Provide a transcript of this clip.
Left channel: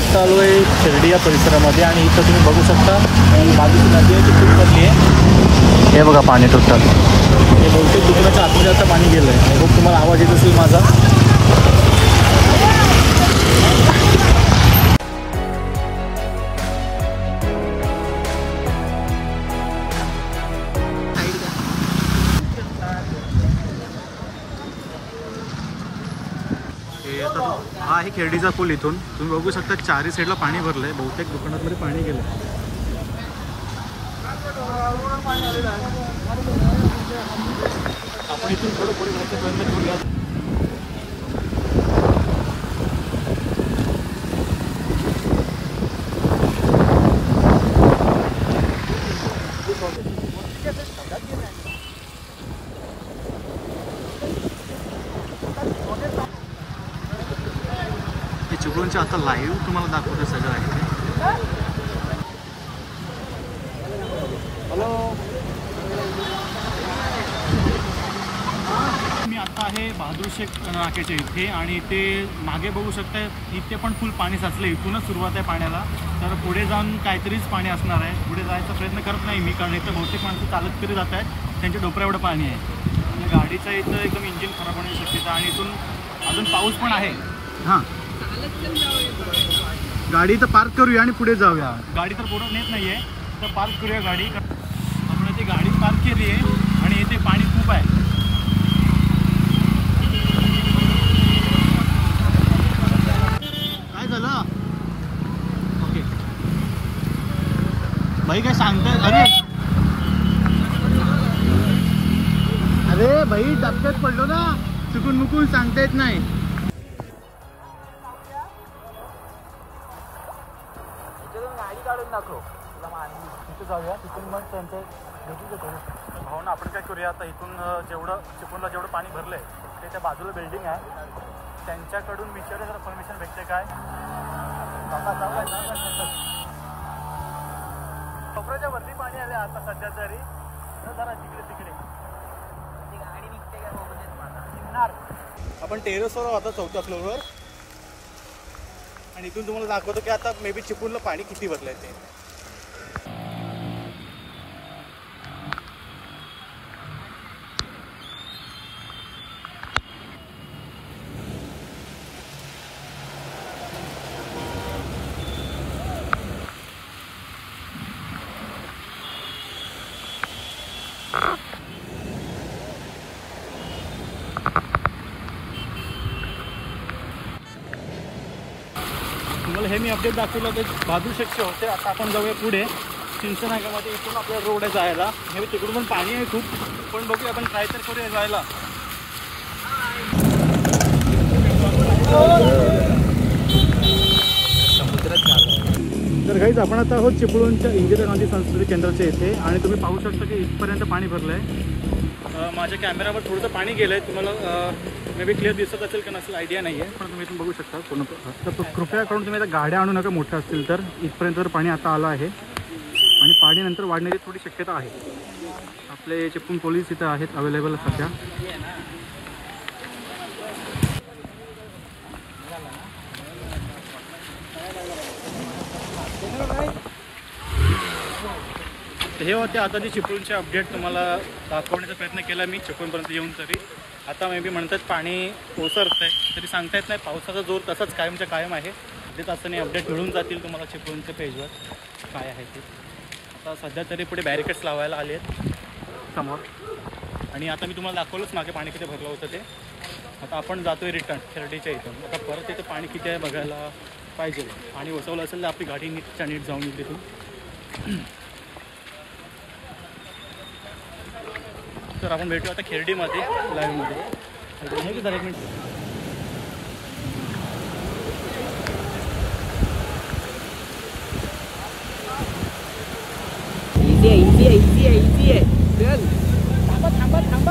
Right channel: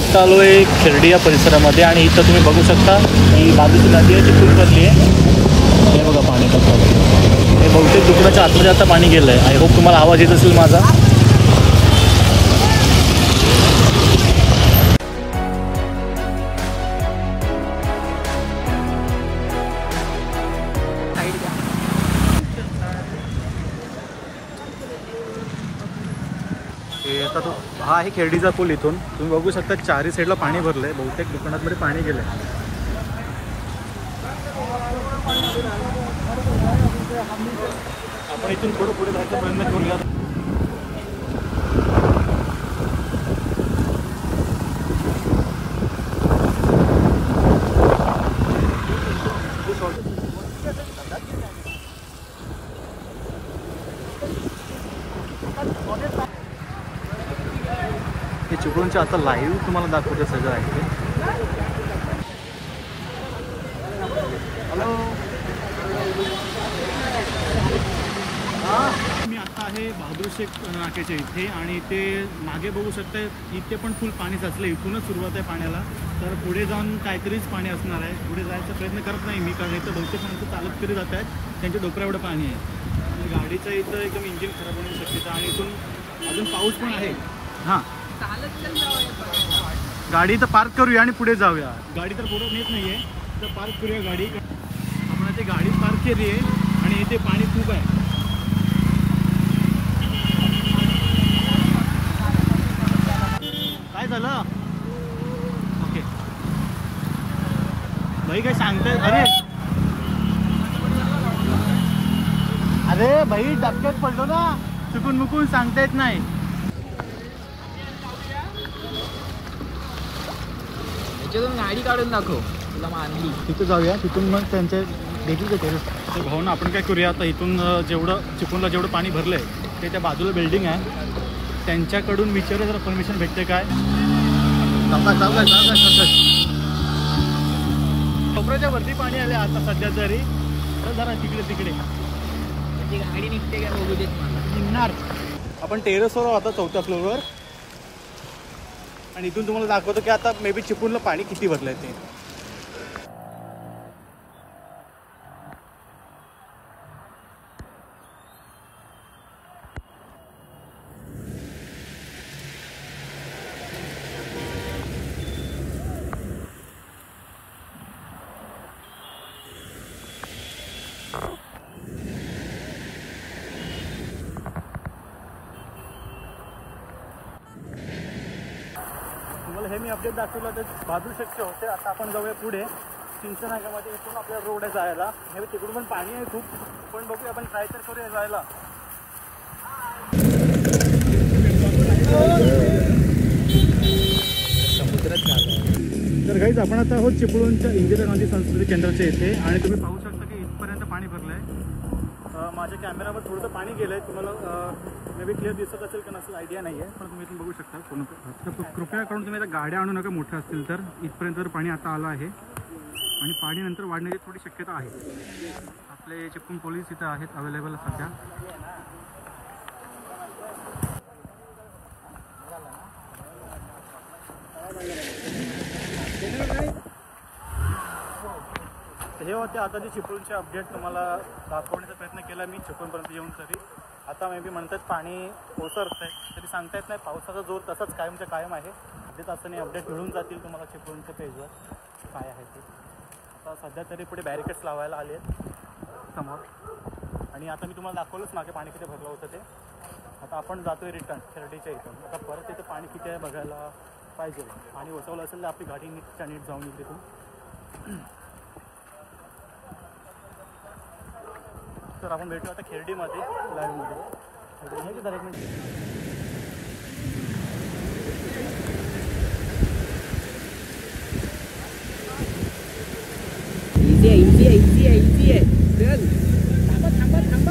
आत्ता आलो आहे खिरडी या परिसरामध्ये आणि इथं तुम्ही बघू शकता ही बाजूची नदी आहे ती फुल भरली आहे. हे बघा पाणी टोटल. हे बहुतेक दुकानाच्या आतमध्ये आता पाणी गेलं आहे. आय होप तुम्हाला आवाज येत असेल माझा. हा आहे खिरडीचा पूल. इथून तुम्ही बघू शकता चारही साईडला पाणी भरलंय. बहुतेक दुकानांमध्ये पाणी गेलंय. आपण इथून थोडं पुढे जायचा प्रयत्न करूया. हे चिपळूणचे आता लाईव्ह तुम्हाला दाखवते सगळं आहे ते. मी आता आहे बहादूर शेख नाक्याच्या इथे आणि ते मागे बघू शकता इथे पण फुल पाणी साचलं. इथूनच सुरुवात आहे पाण्याला. तर पुढे जाऊन काहीतरीच पाणी असणार आहे. पुढे जायचा प्रयत्न करत नाही मी, कारण इथं बहुतेक माणसं चालत तरी जात आहेत. त्यांच्या डोक्यावर एवढं पाणी आहे आणि गाडीचं इथं एकदम इंजिन खराब होण्याची शक्यता. आणि इथून अजून पाऊस पण आहे. हां, गाडी तर पार्क करूया आणि पुढे जाऊया. गाडी तर पुढे नेत नाही आहे, तर पार्क करूया गाडी. आपण इथे गाडी पार्क केली आहे आणि इथे पाणी खूप आहे. काय झालं? ओके भाई काय सांगताय? अरे अरे भाई धक्क्यात पडलो ना, चुकून मुकून सांगता येत नाही. गाडी काढून दाखव तुला मानली. तिथे जाऊया. तिथून मग त्यांचे देखील ते भाऊ ना आपण काय करूया आता. इथून जेवढं चिपळूणला जेवढं पाणी भरलंय ते त्या बाजूला बिल्डिंग आहे, त्यांच्याकडून विचारूया जरा परमिशन भेटते काय. कोपऱ्याच्या वरती पाणी आले आता सध्या तरी. जरा तिकडे तिकडे गाडी निघते का बघू देत मला. निघणार. आपण टेरेसवर आता 4थ्या फ्लोअरवर आणि इथून तुम्हाला दाखवतो की आता मे बी चिपळूणला पाणी किती भरलंय ते. तुम्हाला हे मी अपडेट दाखवलं ते बहादूर शेखचे होते. आता आपण जाऊया पुढे चिंचनागामध्ये. इथून आपल्याला रोड आहे जायला. हे तिकडून पण पाणी आहे खूप, पण बघूया आपण ट्राय तर करूया जायला. तर काहीच आपण आता आहोत चिपळूणच्या इंदिरा गांधी सांस्कृतिक केंद्राच्या इथे आणि तुम्ही पाहू शकता की इथपर्यंत पाणी भरलं आहे. माझ्या कॅमेरावर थोडंसं पाणी गेलं आहे. तुम्हाला मे बी क्लिअर दिसत असेल का नसेल आयडिया नाही आहे, पण तुम्ही इथून बघू शकता पूर्ण. तर कृपया करून तुम्ही आता गाड्या आणू नका मोठ्या असतील तर. इथपर्यंत तर पाणी आता आलं आहे आणि पाणी नंतर वाढण्याची थोडी शक्यता आहे. आपले चिपळूण पोलीस इथं आहेत अवेलेबल सध्या. हे होते आता जी चिपळूणचे अपडेट तुम्हाला दाखवण्याचा प्रयत्न केला मी चिपळूणपर्यंत येऊन. तरी आता मे बी म्हणतात पाणी ओसरत आहे, तरी सांगता येत नाही. पावसाचा जोर तसाच कायमच्या कायम आहे. अर्ध्या तासाने अपडेट मिळून जातील तुम्हाला चिपळूणच्या पेजवर काय आहे ते. आता सध्या तरी पुढे बॅरिकेड्स लावायला आले आहेत समोर. आणि आता मी तुम्हाला दाखवलंच मागे पाणी किती भरलं होतं ते. आता आपण जातो आहे रिटर्न खिरडीच्या इथून. आता परत इथं पाणी किती आहे बघायला पाहिजे. पाणी ओसवलं असेल तर आपली गाडी नीटच्या नीट जाऊन येईल तिथून. तर आपण भेटू आता खिरडीमध्ये लाईव्हमध्ये. एक मिनिट. इझी आहे. चल थांबा थांबा थांबा.